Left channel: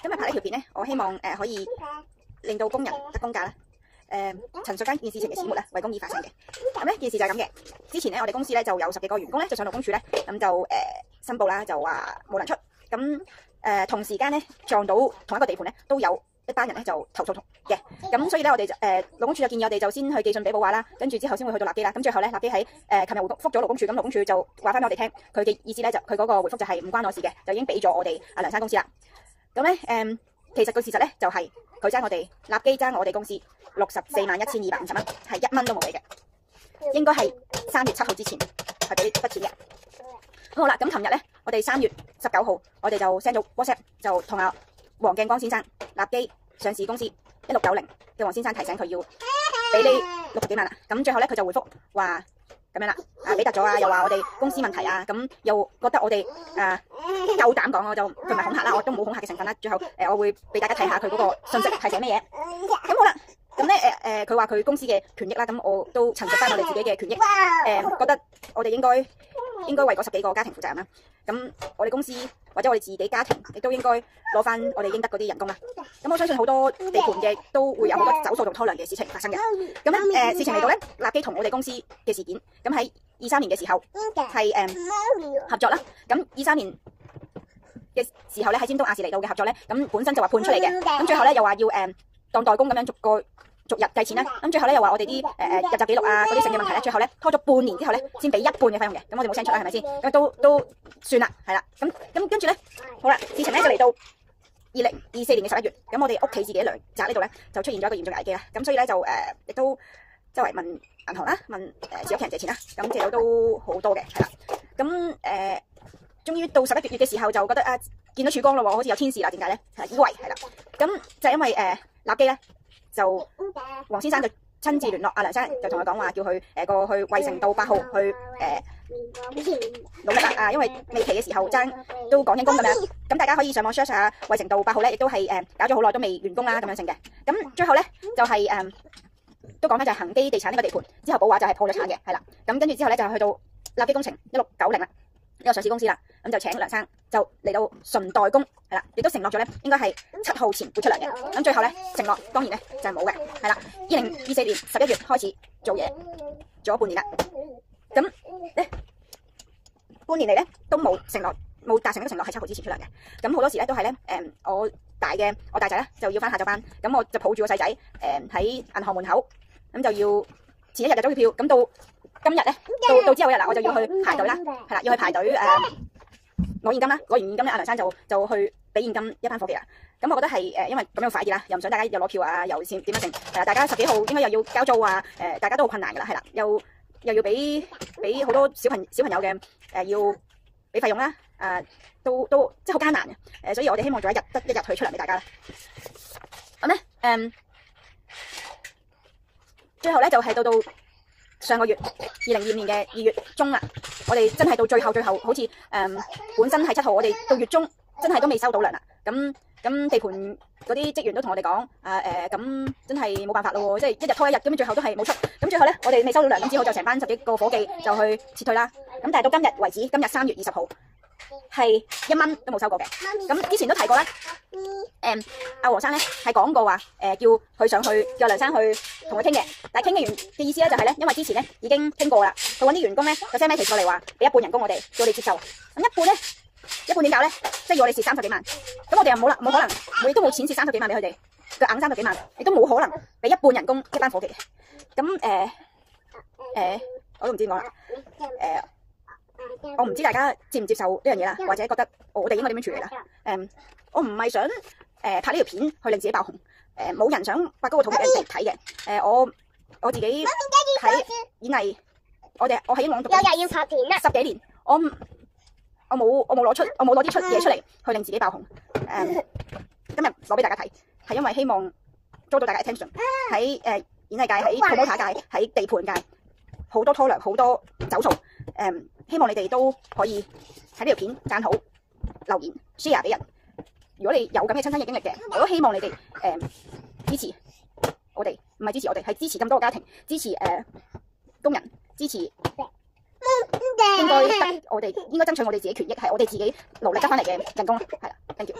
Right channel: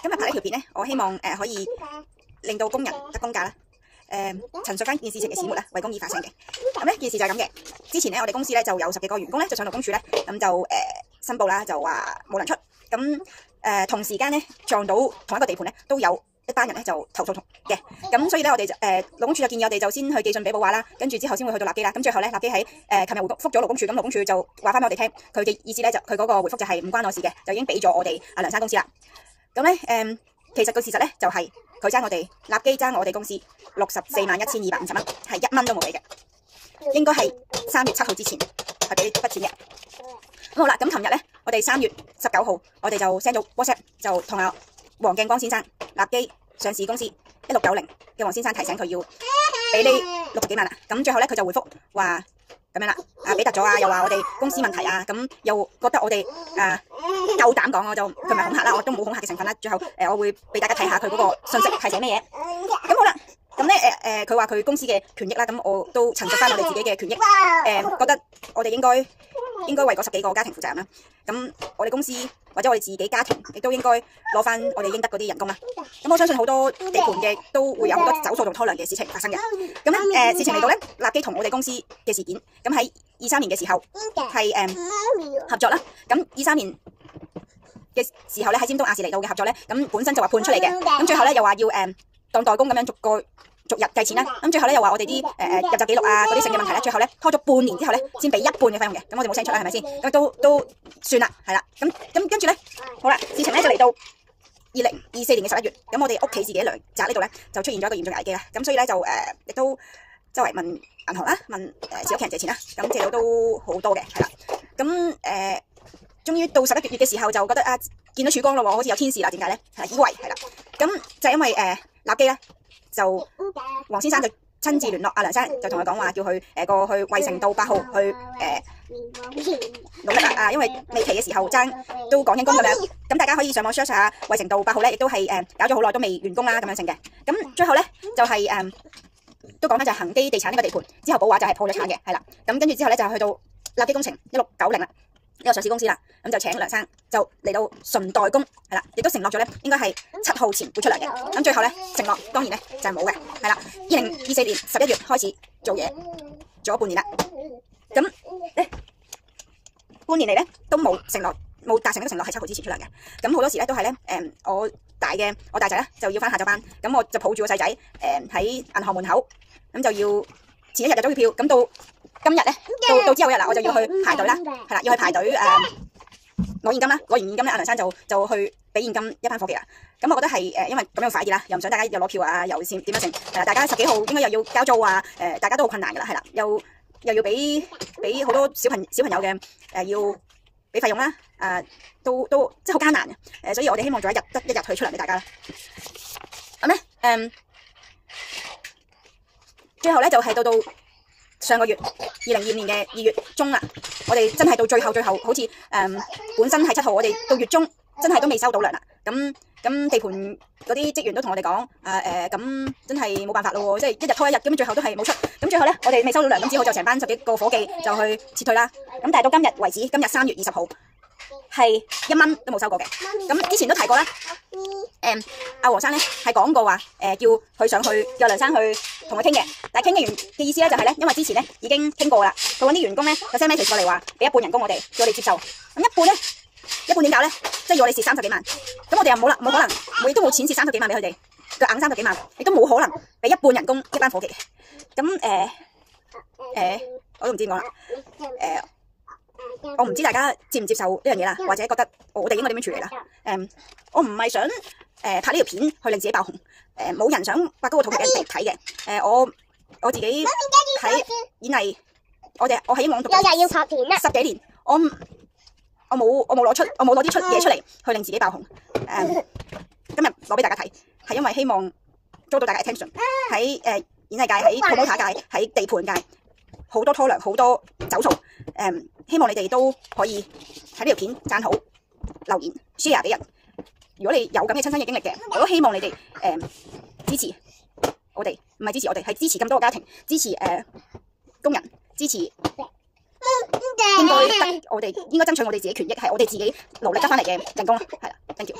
今日拍呢條片咧，我希望可以令到工人得工價啦。陳述翻件事情嘅始末咧，為公義發聲嘅。咁咧件事就係咁嘅。之前咧我哋公司咧就有10幾個員工咧就上勞工處咧，咁就申報啦，就話冇人出。咁同時間咧撞到同一個地盤咧都有一班人咧就投訴嘅。咁所以咧我哋就勞工處就建議我哋就先去寄信俾補話啦，跟住之後先會去到立基啦。咁最後咧立基喺琴日覆咗勞工處，咁勞工處就話翻俾我哋聽，佢嘅意思咧就佢嗰個回覆就係唔關我事嘅，就已經俾咗我哋梁生公司啦。咁咧其實個事實咧就係佢爭我哋立基爭我哋公司641250蚊，係1蚊都冇俾嘅，應該係3月7號之前係俾筆錢嘅。好啦，咁琴日咧我哋3月19號我哋就 send 咗 WhatsApp 就同阿黃敬光先生立基上市公司1690嘅黃先生提醒佢要俾呢60幾萬啦。咁最後咧佢就回覆話咁樣啦，俾突咗啊，又話我哋公司問題啊，咁又覺得我哋夠膽講，我就佢咪恐嚇啦，我都冇恐嚇嘅成分啦。最後我會俾大家睇下佢嗰個信息係寫咩嘢。咁好啦，咁咧佢話佢公司嘅權益啦，咁我都陳述翻我哋自己嘅權益，覺得我哋應該為嗰10幾個家庭負責任啦。咁我哋公司或者我哋自己家庭亦都應該攞翻我哋應得嗰啲人工啦。咁我相信好多地盤嘅都會有好多走數同拖糧嘅事情發生嘅。咁咧事情嚟到咧，立基同我哋公司嘅事件，咁喺23年嘅時候係合作啦。咁23年嘅時候咧喺尖東亞視嚟到嘅合作咧，咁本身就話判出嚟嘅，咁最後咧又話要當代工咁樣逐日計錢啦。咁最後咧又話我哋啲入閘記錄啊嗰啲性嘅問題咧，最後咧拖咗半年之後咧先俾1半嘅費用嘅。咁我哋冇聲出啦，係咪先？咁都算啦，係啦。咁跟住咧，好啦，事情咧就嚟到2024年嘅11月，咁我哋屋企自己良宅呢度咧就出現咗一個嚴重危機啦。咁所以咧就亦都周圍問銀行啦，問持有屋企人借錢啦。咁借到都好多嘅，係啦。咁終於到11月嘅時候就覺得見到曙光咯喎，好似有天使啦。點解咧？係以為係啦。咁就係因為立基咧，就黃先生就親自聯絡阿梁生，就同佢講話叫佢過去衛城道8號去努力啦。因為尾期嘅時候爭都講緊工咁樣，咁大家可以上網 search 下衛城道8號咧，亦都係搞咗好耐都未完工啦咁樣成嘅。咁最後咧就係都講翻就係恒基地產呢個地盤之後補話就係破咗產嘅，係啦。咁跟住之後咧就去到立基工程1690啦。呢個上市公司啦，咁就請梁生就嚟到純代工，係啦，亦都承諾咗咧，應該係7號前會出嚟嘅。咁最後咧承諾當然咧就係冇嘅，係啦。2024年11月開始做嘢，做咗半年啦。咁咧半年嚟咧都冇承諾，冇達成一個承諾係7號之前出嚟嘅。咁好多時咧都係咧我大仔咧就要翻下晝班，咁我就抱住個細仔喺銀行門口，咁就要前一日就租票，咁到今日咧到之後一日啦，我就要去排隊啦，係啦，要去排隊攞現金啦，攞完現金咧，阿梁生就去俾現金一班伙計啦。咁我覺得係因為咁樣快啲啦，又唔想大家又攞票啊，又先點樣成係啦，大家10幾號應該又要交租啊，大家都好困難噶啦，係啦，又要俾好多小朋友嘅要俾費用啦，都即係好艱難嘅，所以我哋希望做一日退出嚟俾大家啦。咁咧最後咧就係到上個月2022年嘅2月中啦，我哋真係到最後，好似本身係7號，我哋到月中真係都未收到糧啦。咁地盤嗰啲職員都同我哋講，咁真係冇辦法咯，即係一日拖一日，咁最後都係冇出。咁最後咧，我哋未收到糧，咁之後就成班10幾個伙計就去撤退啦。咁但係到今日為止，今日3月20號係1蚊都冇收過嘅。咁之前都提過啦，阿黃生咧係講過話，叫佢上去，叫梁生去同佢傾嘅。但係傾嘅完嘅意思咧就係咧，因為之前咧已經傾過啦，佢揾啲員工咧有 send message 過嚟話俾1半人工我哋接受。咁1半咧，1半點搞咧？即係要我哋蝕30幾萬。咁我哋又冇可能，亦都冇錢蝕30幾萬俾佢哋，就硬30幾萬，亦都冇可能俾1半人工一班伙計嘅。咁我都唔知點講啦。我唔知大家接唔接受呢樣嘢啦，或者覺得我哋應該點樣處理啦？我唔係想拍呢條片去令自己爆紅，冇人想挖高個肚俾人哋睇嘅。我自己喺演藝，我喺英皇讀10幾年，我冇攞啲嘢出嚟去令自己爆紅。今日攞俾大家睇，係因為希望遭到大家 attention。喺演藝界、喺 promoter 界、喺地盤界，好多拖糧，好多走數。希望你哋都可以睇呢條片讚好、留言、share 俾人。如果你有咁嘅親身嘅經歷嘅，我都希望你哋支持我哋，唔係支持我哋，係支持咁多個家庭，支持工人，支持我哋應該爭取我哋自己權益，係我哋自己努力得翻嚟嘅人工啦。係啦 ，thank you。